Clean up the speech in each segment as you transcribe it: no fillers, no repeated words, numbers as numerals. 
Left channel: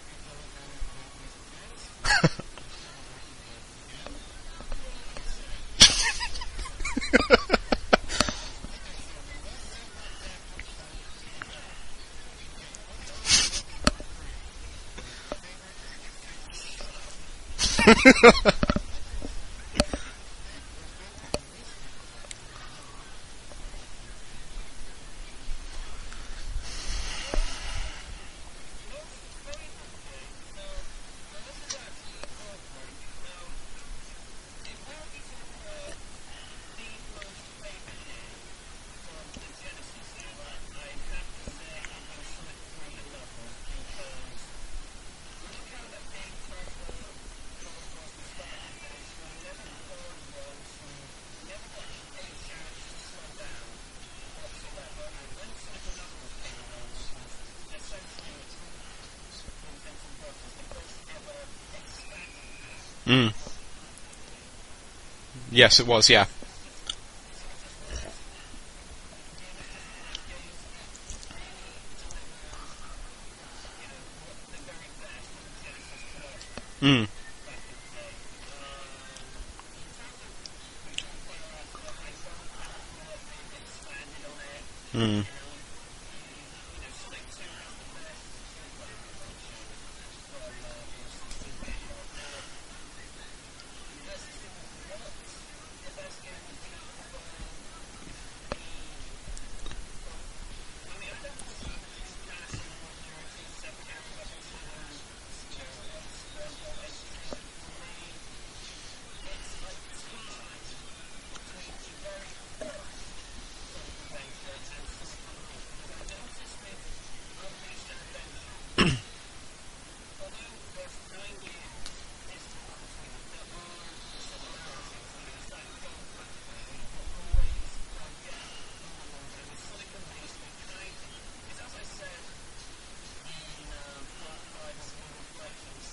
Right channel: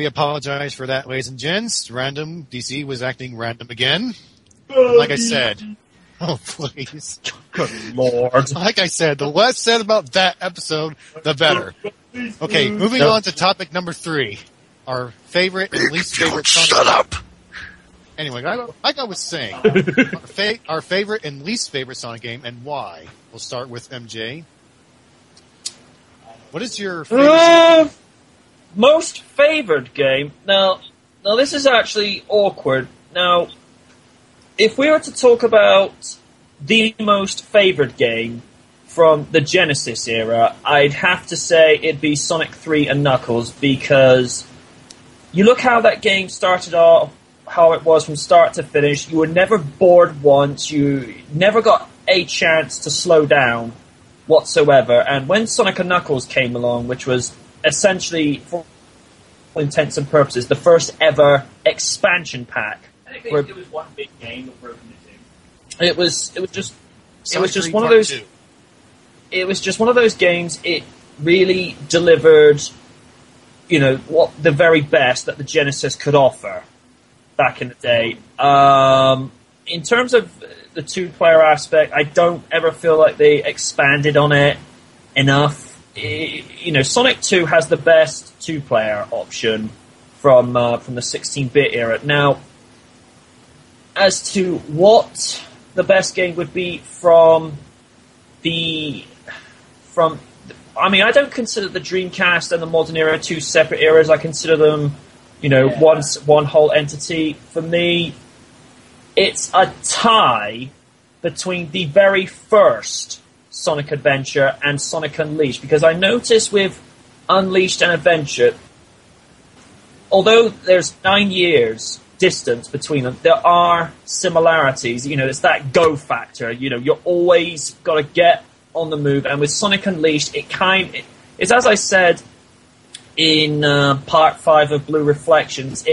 We apologize for that, ladies and gents. Random DC was acting random again. Like I said, oh please, Good Lord. like I said, the less said about that episode, the better. Okay, moving on to topic number 3, our favorite and least favorite. Shut up. Anyway, like I was saying, our favorite and least favorite Sonic game and why. We'll start with MJ. What is your favorite? Most favored game? Now this is actually awkward. Now, if we were to talk about the most favored game from the Genesis era, I'd have to say it'd be Sonic 3 and Knuckles, because you look how that game started off, how it was from start to finish. You were never bored once. You never got a chance to slow down whatsoever. And when Sonic and Knuckles came along, which was essentially, for all intents and purposes, the first ever expansion pack. It was one big game with broken into. Yes, it was. Yeah. It was just one of those. It was just one of those games. It really delivered, what the very best that the Genesis could offer back in the day. In terms of the 2-player aspect, I don't ever feel like they expanded on it enough. Sonic 2 has the best 2-player option from the 16-bit era. Now, as to what the best game would be I don't consider the Dreamcast and the modern era 2 separate eras. I consider them, one whole entity. For me, it's a tie between the very first Sonic Adventure and Sonic Unleashed, because I noticed with Unleashed and Adventure, although there's 9 years distance between them, there are similarities. It's that go factor. You're always got to get on the move. And with Sonic Unleashed, it's as I said in Part 5 of Blue Reflections,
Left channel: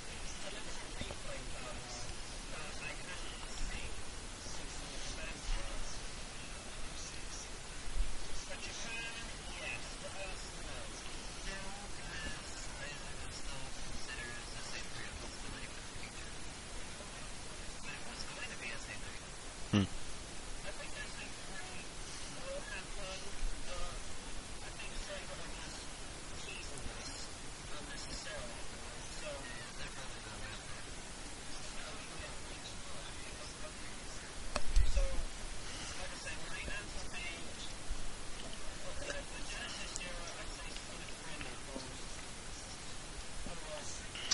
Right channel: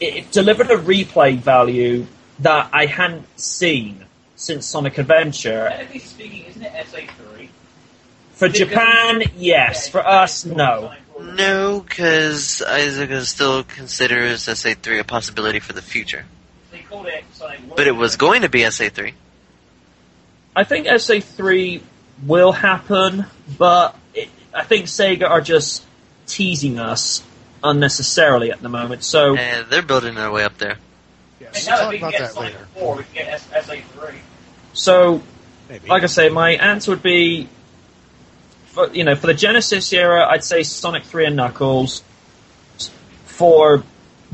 it delivered a replay value that I hadn't seen since Sonic Adventure. Technically speaking, isn't it SA3? For Japan, yes. For us, no. No, because Isaac still considers SA3 a possibility for the future. They called it Sonic. But it was going to be SA3. I think SA3 will happen, but I think Sega are just teasing us unnecessarily at the moment. So they're building their way up there. And now that we can get Sonic 4, we can get SA3. So, Maybe. like I say, my answer would be, for the Genesis era, I'd say Sonic 3 and Knuckles. For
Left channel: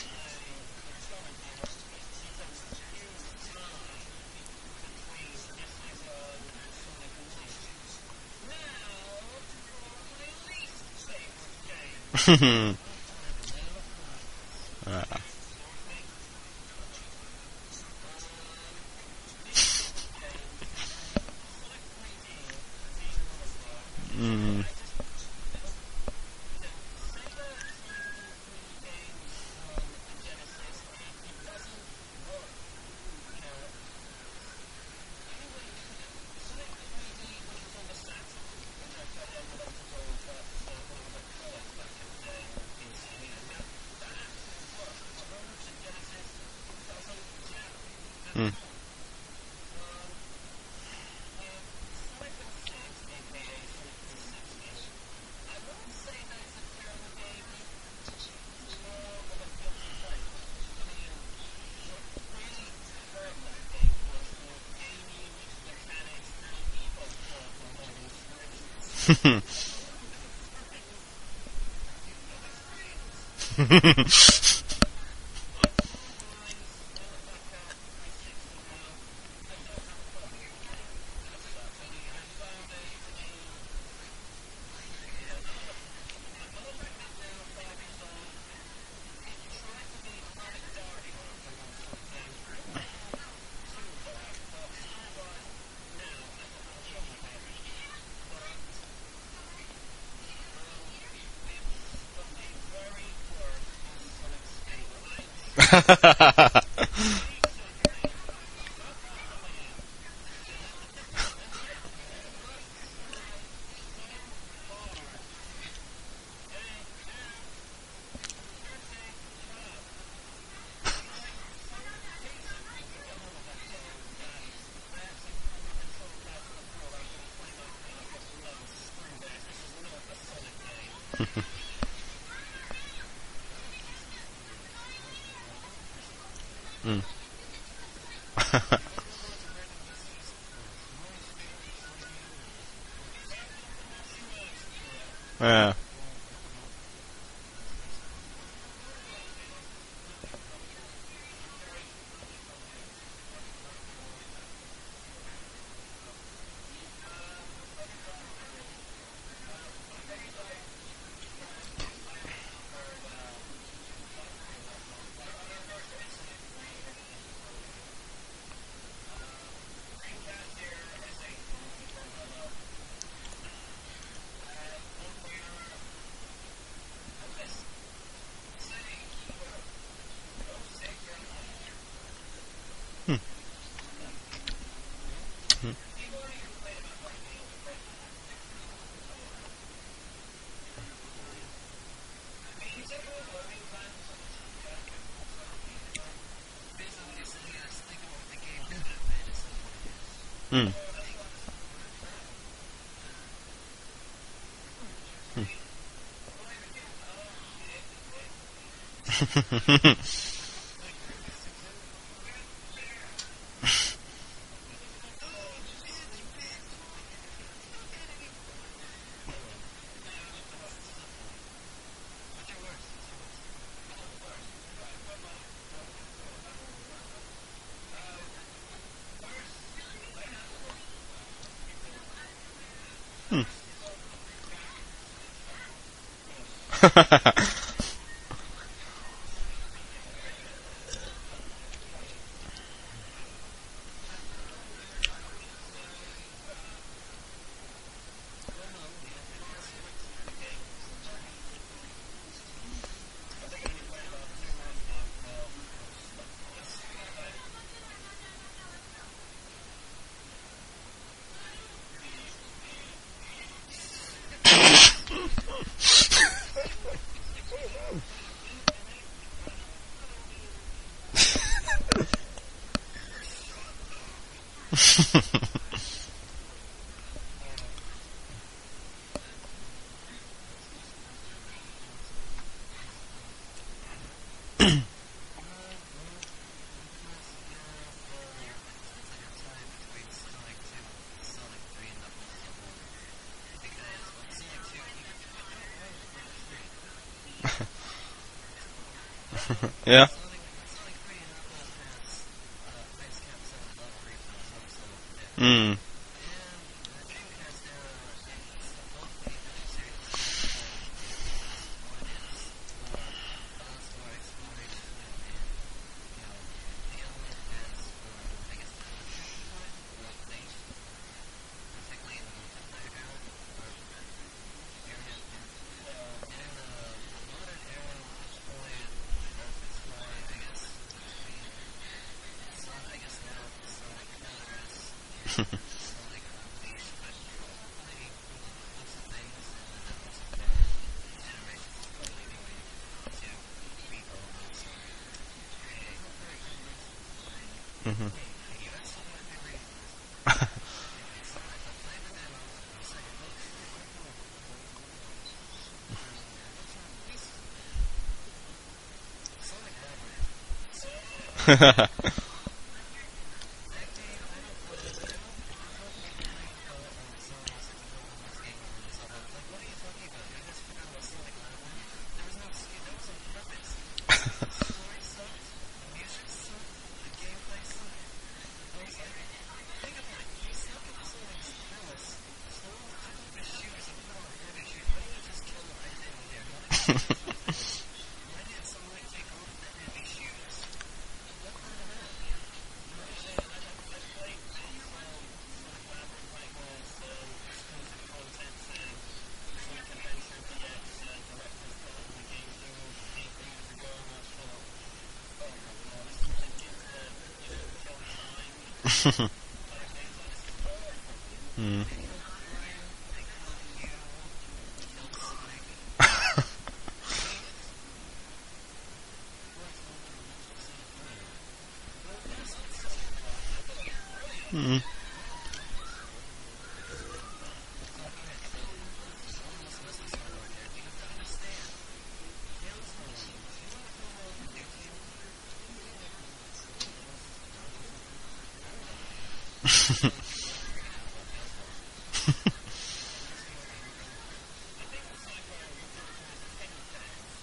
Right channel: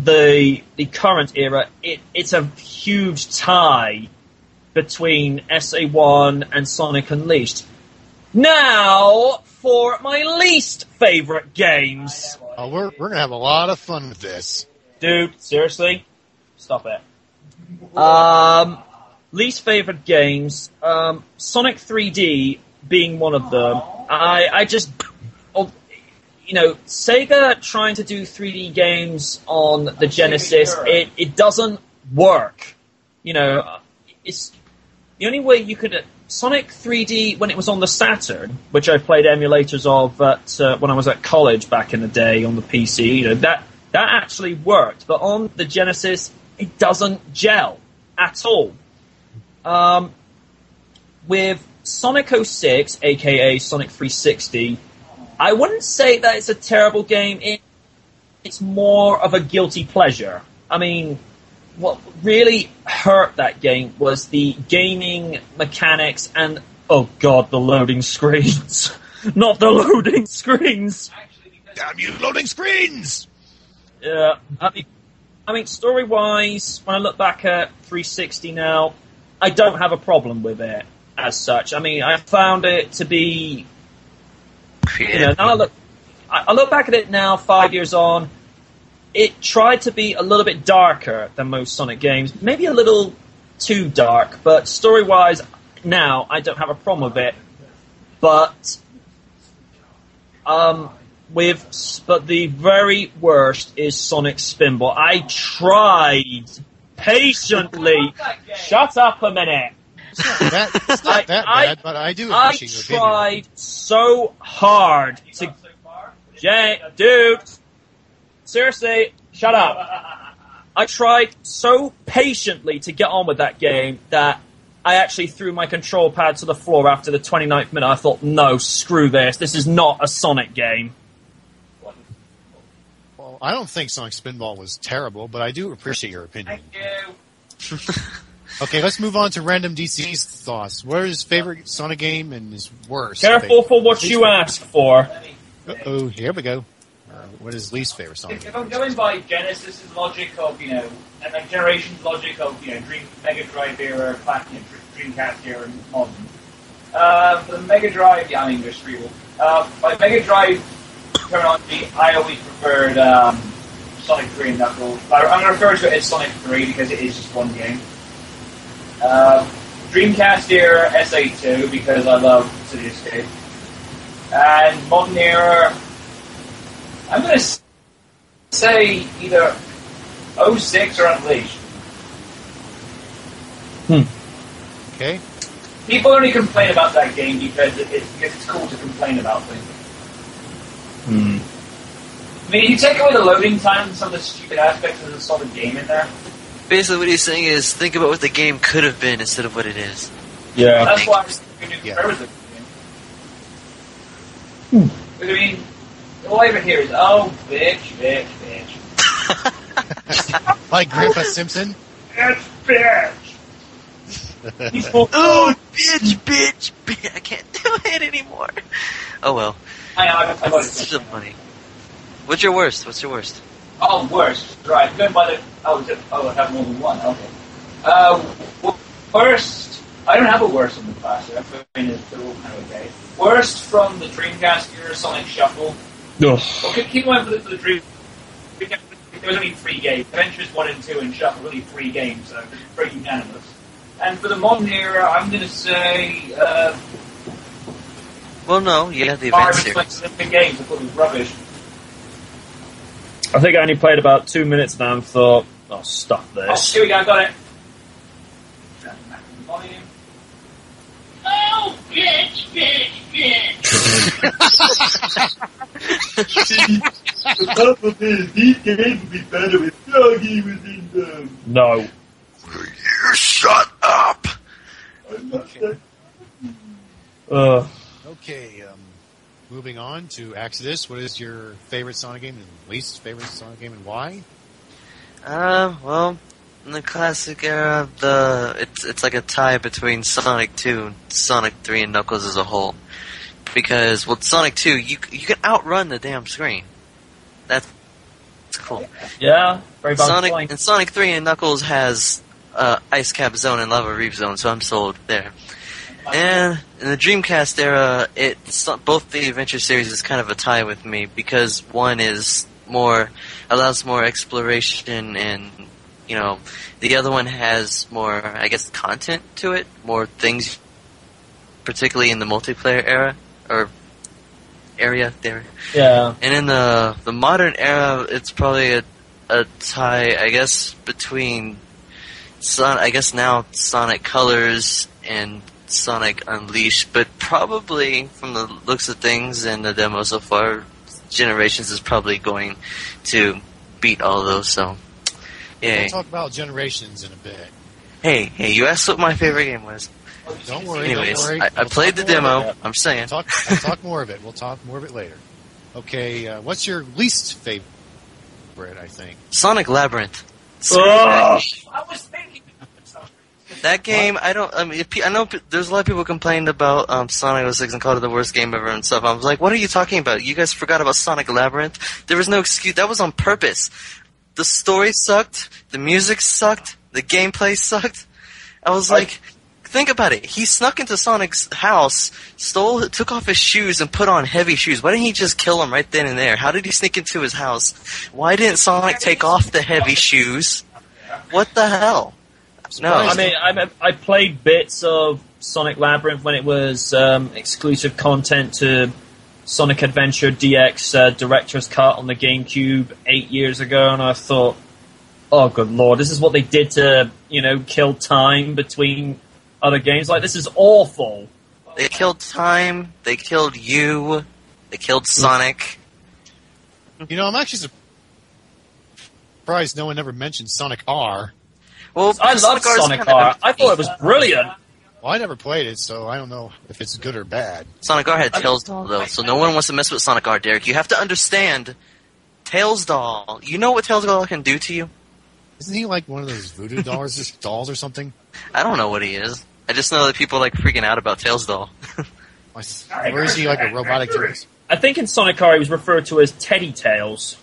the current era, it's a huge tie between SA1 and Sonic Unleashed. Now, for my least favorite games. We're going to have a lot of fun with this. Dude, seriously? Stop it. Least favorite games, Sonic 3D being one of them. I just, Sega trying to do 3D games on the Genesis, it doesn't work. It's the only way you could. Sonic 3D, when it was on the Saturn, which I played emulators of, but when I was at college back in the day on the PC, that actually worked. But on the Genesis, it doesn't gel at all. With Sonic 06, aka Sonic 360, I wouldn't say that it's a terrible game. It's more of a guilty pleasure. I mean, what really hurt that game was the gaming mechanics and, oh god, the loading screens. Not the loading screens! Damn you, loading screens! Yeah, I mean, story-wise, when I look back at 360 now, I don't have a problem with it as such. I mean, I found it to be, now I look back at it now, 5 years on. It tried to be a little bit darker than most Sonic games, maybe a little too dark, but story-wise, now I don't have a problem with it. But the very worst is Sonic Spinball. I tried patiently. Shut up a minute. It's not that bad, but I do appreciate your opinion. I tried so hard to... Dude, seriously, shut up. I tried so patiently to get on with that game that I actually threw my control pad to the floor after the 29th minute. I thought, no, screw this. This is not a Sonic game. Well, I don't think Sonic Spinball was terrible, but I do appreciate your opinion. Thank you. Okay, let's move on to Random DC's thoughts. What is his favorite Sonic game and his worst? Careful for what you ask for. Oh, here we go. What is his least favorite Sonic If game? I'm going by Genesis' logic of, and like Generation's logic of, Mega Drive era, back, Dreamcast era, and modern. For the Mega Drive, there's three. By Mega Drive terminology, I always preferred Sonic 3 and Knuckles. I'm going to refer to it as Sonic 3 because it is just one game. Dreamcast era, SA2 because I love City Escape. And modern era, I'm going to say either 06 or Unleashed. Okay. People only complain about that game because it's cool to complain about things. I mean, you take away the loading time and some of the stupid aspects of the solid game in there. Basically, what he's saying is think about what the game could have been instead of what it is. Yeah. That's why I'm going to compare with the game. But I mean, all I ever hear is, oh, bitch, bitch, bitch. Like Grandpa Simpson? It's bitch! He's full Oh, bitch, bitch, bitch. I can't do it anymore. Oh, well. I It's so funny. What's your worst? What's your worst? Oh, worst. Right, I'm going by the... I have more than one. Okay. Worst... I don't have a worst on the class. I mean, they're all kind of okay. Worst from the Dreamcast era, Sonic Shuffle. Ugh. Okay, people went to the Dream... There was only 3 games. Adventures 1 and 2 and Shuffle, only 3 games, so it was pretty unanimous. And for the modern era, I'm going to say... Well, no, you have the Mario event series. 20 games, I thought it was rubbish. I think I only played about 2 minutes now and thought, oh, stop Oh, this. here we go, got it. Volume. Oh, bitch, bitch, bitch. The problem is, these games would be better if Doggy was in them. No. You shut up! Okay, moving on to Exodus. What is your favorite Sonic game and least favorite Sonic game and why? Well, in the classic era, it's like a tie between Sonic 2, Sonic 3, and Knuckles as a whole. Because, well, Sonic 2, you can outrun the damn screen. That's cool. Yeah. Very good Sonic point. and Sonic 3 and Knuckles has Ice Cap Zone and Lava Reef Zone, so I'm sold there. And in the Dreamcast era, both the Adventure series is kind of a tie with me because one is allows more exploration, and the other one has more, I guess, content to it, more things, particularly in the multiplayer era or area there. Yeah. And in the modern era, it's probably a tie, I guess, between now Sonic Colors and Sonic Unleashed, but probably from the looks of things and the demo so far, Generations is probably going to beat all of those. So, yeah. We'll talk about Generations in a bit. Hey, you asked what my favorite game was. Don't worry. Anyways, don't worry. I We'll played talk the more of demo. it. I'm saying. We'll talk more of it. We'll talk more of it later. Okay, what's your least favorite? I think Sonic Labyrinth. That game, I know there's a lot of people complaining about Sonic 06 and called it the worst game ever and stuff. I was like, what are you talking about? You guys forgot about Sonic Labyrinth? There was no excuse. That was on purpose. The story sucked. The music sucked. The gameplay sucked. I was like, think about it. He snuck into Sonic's house, took off his shoes, and put on heavy shoes. Why didn't he just kill him right then and there? How did he sneak into his house? Why didn't Sonic take off the heavy shoes? What the hell? No. I mean, I played bits of Sonic Labyrinth when it was exclusive content to Sonic Adventure DX Director's Cut on the GameCube 8 years ago, and I thought, oh, good lord, this is what they did to, kill time between other games. Like, this is awful. They killed time, they killed you, they killed Sonic. I'm actually surprised no one ever mentioned Sonic R. Well, I love R is Sonic kinda R. I thought it was brilliant. Well, I never played it, so I don't know if it's good or bad. Sonic R had Tails Doll, though, so no one wants to mess with Sonic R, Derek. You have to understand, Tails Doll. You know what Tails Doll can do to you? Isn't he like one of those voodoo dolls or something? I don't know what he is. I just know that people like freaking out about Tails Doll. Or is he like a robotic Tails? I think in Sonic R he was referred to as Teddy Tails.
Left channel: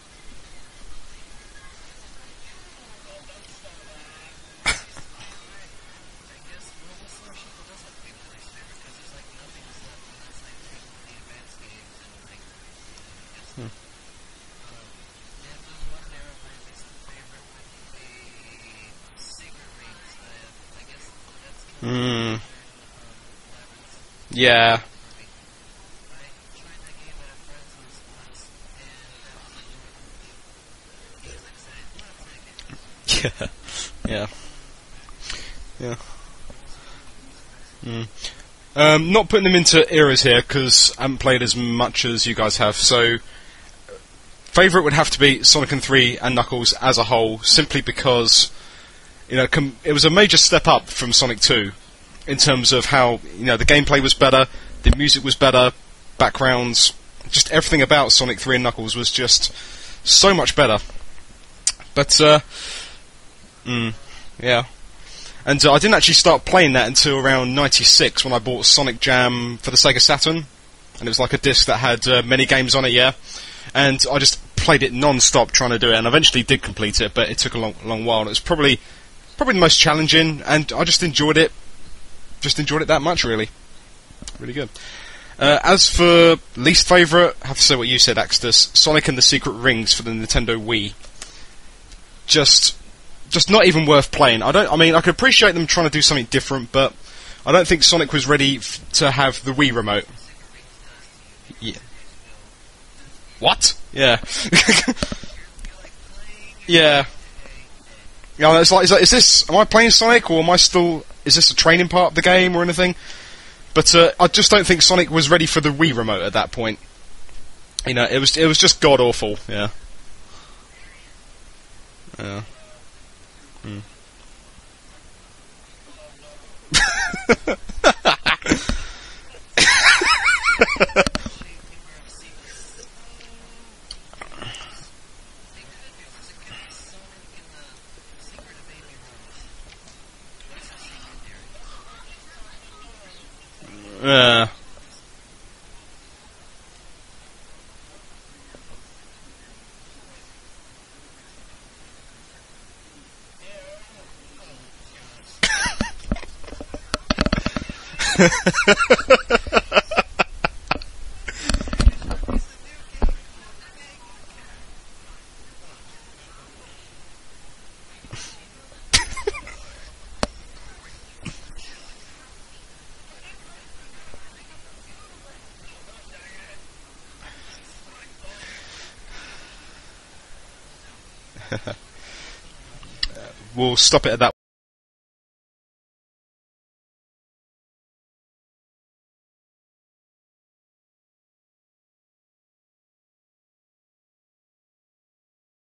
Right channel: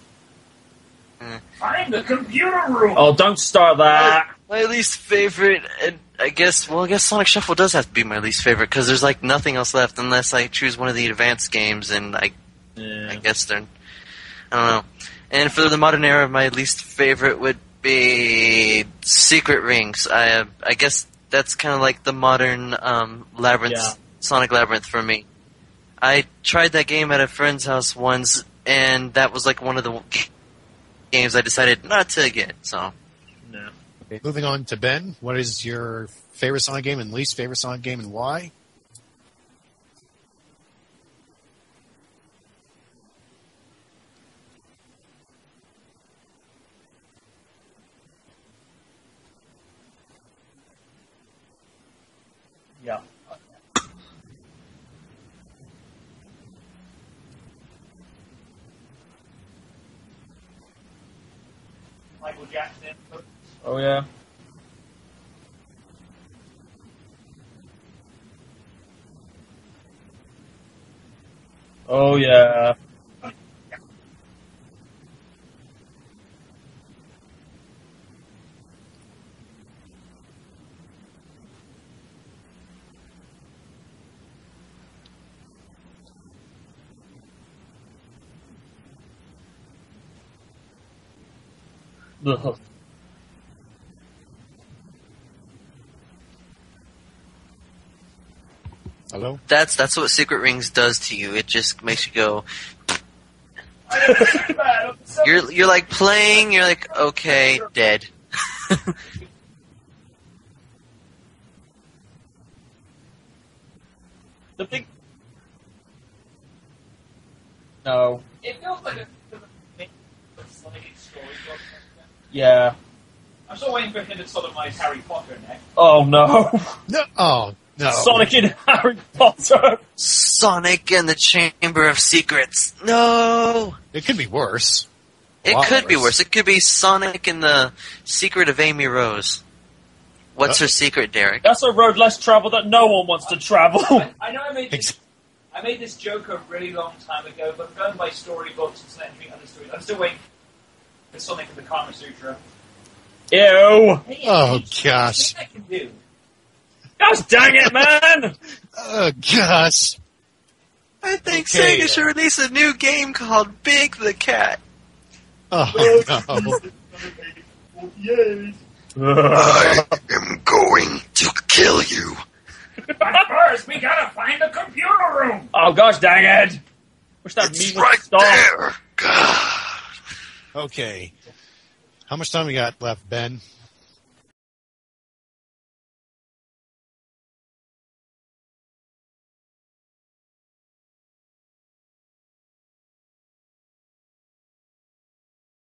I'm the computer room. Oh, don't start that. My least favorite, I guess Sonic Shuffle does have to be my least favorite, because there's like nothing else left unless I choose one of the advanced games, and I guess they're, I don't know. And for the modern era, my least favorite would be Secret Rings. I guess that's kind of like the modern Labyrinth, Sonic Labyrinth for me. I tried that game at a friend's house once, and that was like one of the games I decided not to get. So, Yeah. Moving on to Ben, what is your favorite Sonic game and least favorite Sonic game, and why? Not putting them into eras here because I haven't played as much as you guys have. So, favorite would have to be Sonic 3 and Knuckles as a whole, simply because it was a major step up from Sonic 2 in terms of how the gameplay was better, the music was better, backgrounds, just everything about Sonic 3 and Knuckles was just so much better. But yeah. And I didn't actually start playing that until around '96 when I bought Sonic Jam for the Sega Saturn, and it was like a disc that had mini games on it. And I just played it non-stop trying to do it, and eventually did complete it, but it took a long while. And it was probably the most challenging, and I just enjoyed it. Just enjoyed it that much, really. Really good. As for least favourite, I have to say what you said, Axtus. Sonic and the Secret Rings for the Nintendo Wii. Just not even worth playing. I could appreciate them trying to do something different, but I don't think Sonic was ready to have the Wii remote. That's what Secret Rings does to you. It just makes you go, what? Yeah. you're like playing. You're like, okay, dead. Yeah, it's like, is this? Am I playing Sonic, or am I still? Is this a training part of the game or anything? But I just don't think Sonic was ready for the Wii remote at that point. It was just god awful. Yeah. Yeah. I'm still waiting for him to sodomize Harry Potter next. Oh no. Oh, no. Sonic and Harry Potter. Sonic and the Chamber of Secrets. No. It could be worse. It could be worse. It could be Sonic and the Secret of Amy Rose. What's her secret, Derek? That's a road less traveled that no one wants to travel. I made this joke a really long time ago, but going by storybooks, it's not anything understood. I'm still waiting for Sonic and the Kama Sutra. Ew. Oh, gosh. Gosh dang it, man! Oh, gosh. I think Sega should release a new game called Big the Cat. Oh, no. I am going to kill you. But first, we gotta find the computer room! Oh gosh dang it! Wish that It's meme right would stop. there. God. Okay. How much time we got left, Ben? We'll stop it at that